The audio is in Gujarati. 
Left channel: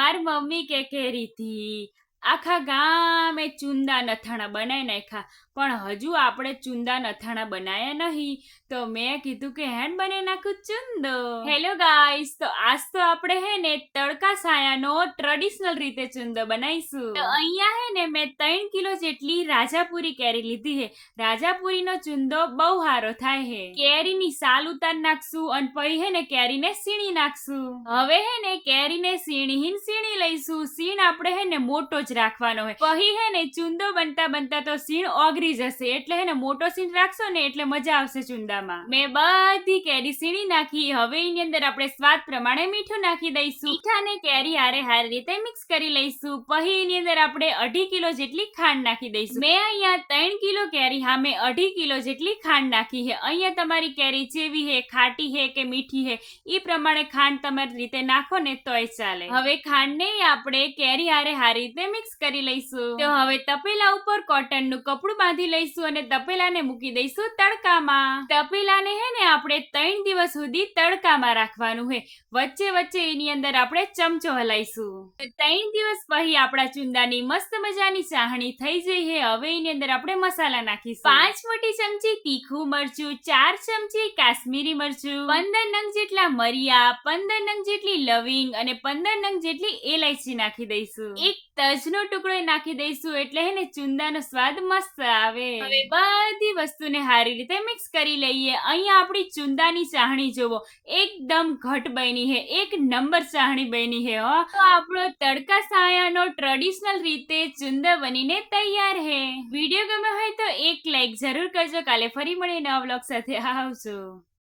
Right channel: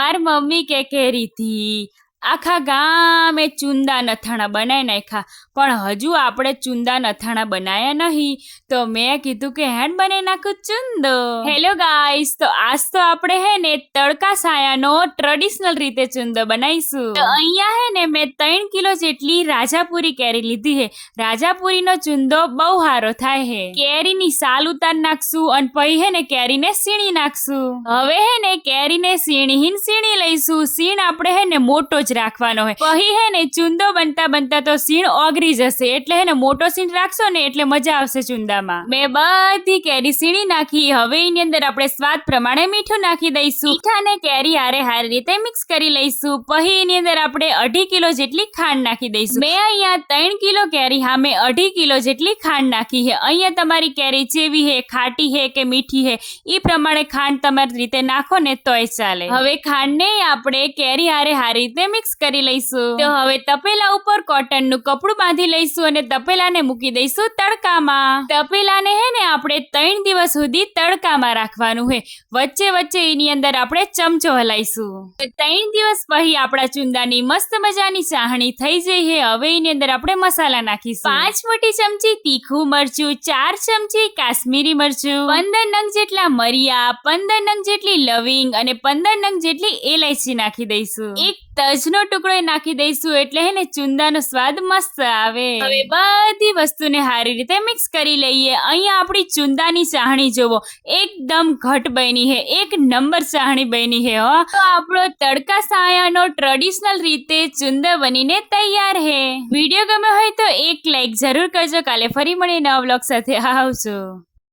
મારી મમ્મી કેરી થી આખા ગામે ચુંદા નથાણા બનાવી નાખ્યા, પણ હજુ આપણે ચુંદા નથાણા બનાયા નહીં, તો મેં કીધું કે હેડ બનાવી નાખું ચુંદો. હેલો ગાઈસ, તો આજ તો આપણે હે ને તડકા સાયાનો ટ્રેડિશનલ રીતે ચુંદો બનાવીશું. તો અહીંયા હે ને મેં 3 કિલો જેટલી રાજાપુરી કેરી લીધી હે. રાજાપુરીનો ચુંદો બહુ સારો થાય હે. કેરીની સાલ ઉતાર નાખશું અને પછી હે ને કેરીને સીણી નાખશું. હવે હે ને કેરીને સીણી લઈશું. સીણ આપણે હે ને મોટો જ રાખવાનો હોય, પછી હે ને ચુંદો બનતા બનતા તો સીણ ઓગળી જશે, એટલે હે ને મોટો સીણ રાખશો ને એટલે મજા આવશે ચુંદામાં. મેં બધી કેરી સીણી નાખી. હવે એની અંદર આપણે સ્વાદ પ્રમાણે મીઠું નાખી દઈશું. મીઠાને કેરી હારી રીતે મિક્સ કરી લઈશું. પછી એની અંદર આપણે 2.5 કિલો જેટલી ખાંડ નાખી દઈશું. મેં અહીંયા 3 કિલો કેરી સામે 2.5 કિલો જેટલી ખાંડ નાખી છે. અહીંયા તમારી કેરી જેવી હે, ખાટી હે કે મીઠી હે, એ પ્રમાણે ખાંડ તમારી રીતે નાખો ને તોય ચાલે. હવે ખાંડને આપણે કેરી હારી રીતે મિક્સ કરી લઈશું. તો હવે તપેલા ઉપર કોટનનું કપડું બાંધી લઈશું અને તપેલાને મૂકી દઈશું તડકામાં. તપેલાને હે ને આપણે 3 દિવસ સુધી તડકામાં રાખવાનું હે. વચ્ચે વચ્ચે એની અંદર આપણે ચમચો હલાઈશું. 3 દિવસ પછી આપણા ચુંદાની મસ્ત મજાની ચાહણી થઈ જઈ હે. હવે એની અંદર આપણે મસાલા નાખીશું. 5 મોટી ચમચી તીખું મરચું, 4 ચમચી કાશ્મીરી મરચું, 15 નંગ જેટલા મરિયા, 15 નંગ જેટલી લવિંગ અને 15 નંગ જેટલી એલાયચી નાખી દઈશું. એક તજનો ટુકડો નાખી દઈશું, એટલે હે ને ચુંદાનો સ્વાદ મસ્ત આવે. હવે બધી વસ્તુને સારી રીતે મિક્સ કરી લઈએ. અહીંયા આપણી ચુંદાની ચાહણી જોવો, એકદમ ઘટ બની હે, 1 નંબર ચાહણી બની હે. તો આપણો તડકા સાયાનો ટ્રેડિશનલ રીતે ચુંદા બનીને તૈયાર હે. વિડીયો ગમ્યો હોય તો એક લાઈક જરૂર કરજો. કાલે ફરી મળીએ નવા વ્લોગ સાથે. આવજો.